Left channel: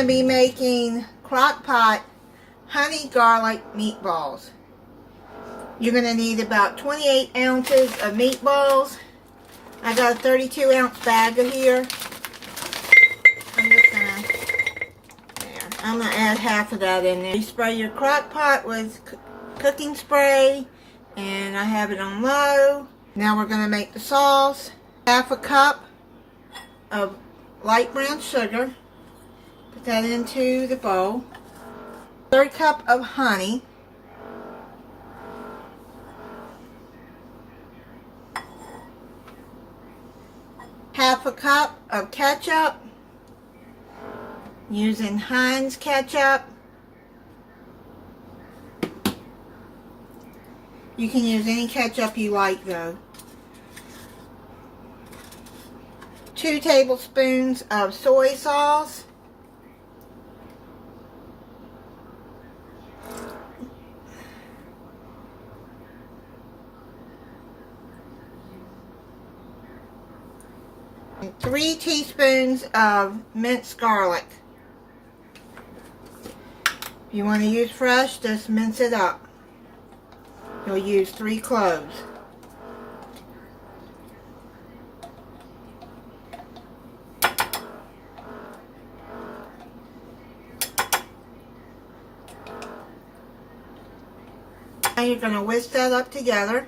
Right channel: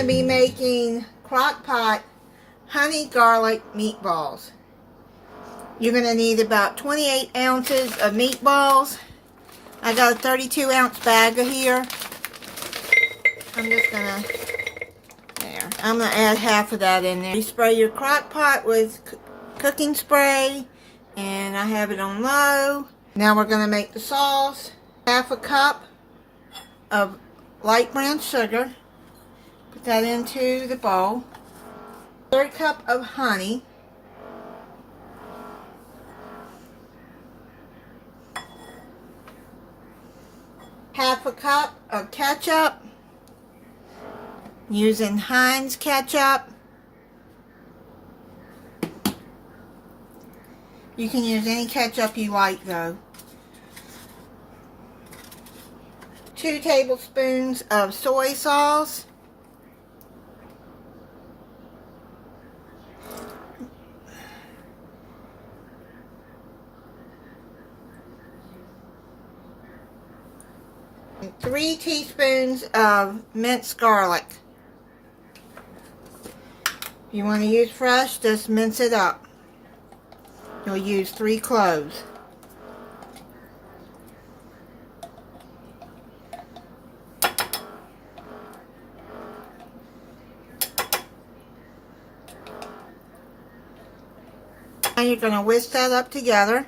to be making Crockpot honey garlic meatballs. You're going to need about 28 ounces of meatballs. I got a 32 ounce bag of here. I'm going to add half of that in there. You spray your Crockpot with cooking spray, and I have it on low. Now we're going to make the sauce. Half a cup of light brown sugar. Put that into the bowl. 1/3 cup of honey. Half a cup of ketchup. Using Heinz ketchup. You can use any ketchup you like though. 2 tablespoons of soy sauce. And 3 teaspoons of minced garlic. If you want to use fresh, just mince it up. You'll use 3 cloves. Now you're going to whisk that up together.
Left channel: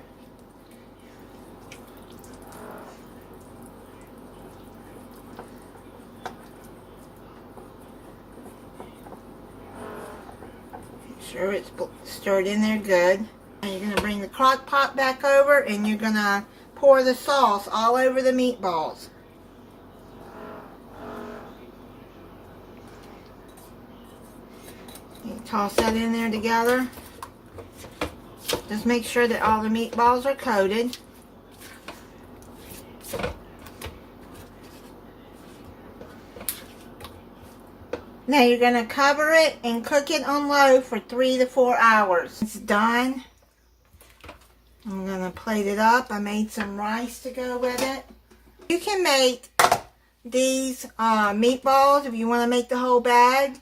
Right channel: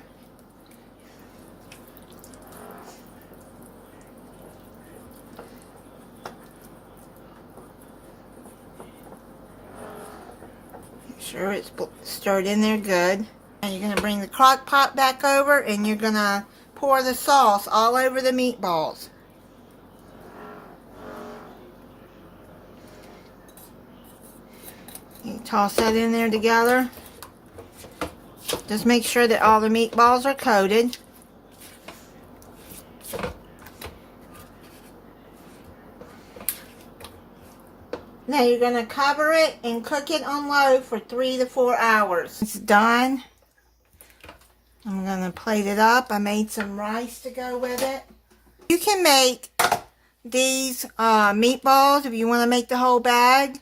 Make sure it's stirred in there good. And you're going to bring the crock pot back over and you're going to pour the sauce all over the meatballs. You toss that in there together. Just make sure that all the meatballs are coated. Now you're going to cover it and cook it on low for 3 to 4 hours. It's done. I'm going to plate it up. I made some rice to go with it. You can make these meatballs if you want to make the whole bag.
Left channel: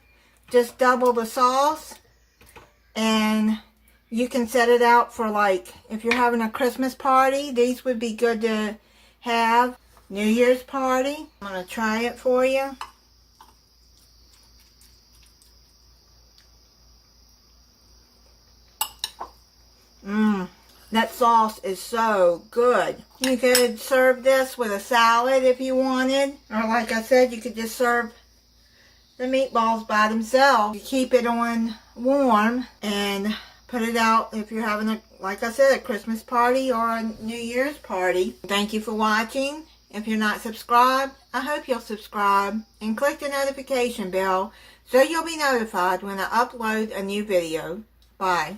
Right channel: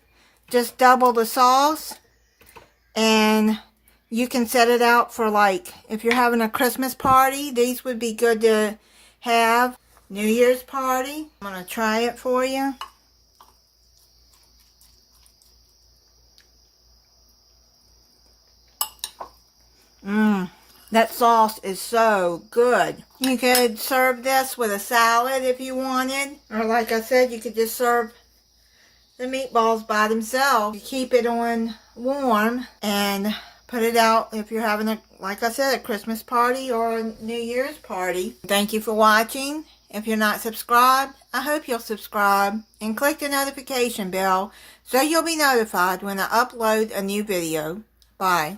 Just double the sauce. And you can set it out for, like, if you're having a Christmas party, these would be good to have. New Year's party. I'm going to try it for you. That sauce is so good. You could serve this with a salad if you wanted. Or like I said, you could just serve the meatballs by themselves. You keep it on warm and put it out if you're having, like I said, a Christmas party or a New Year's party. Thank you for watching. If you're not subscribed, I hope you'll subscribe and click the notification bell so you'll be notified when I upload a new video. Bye.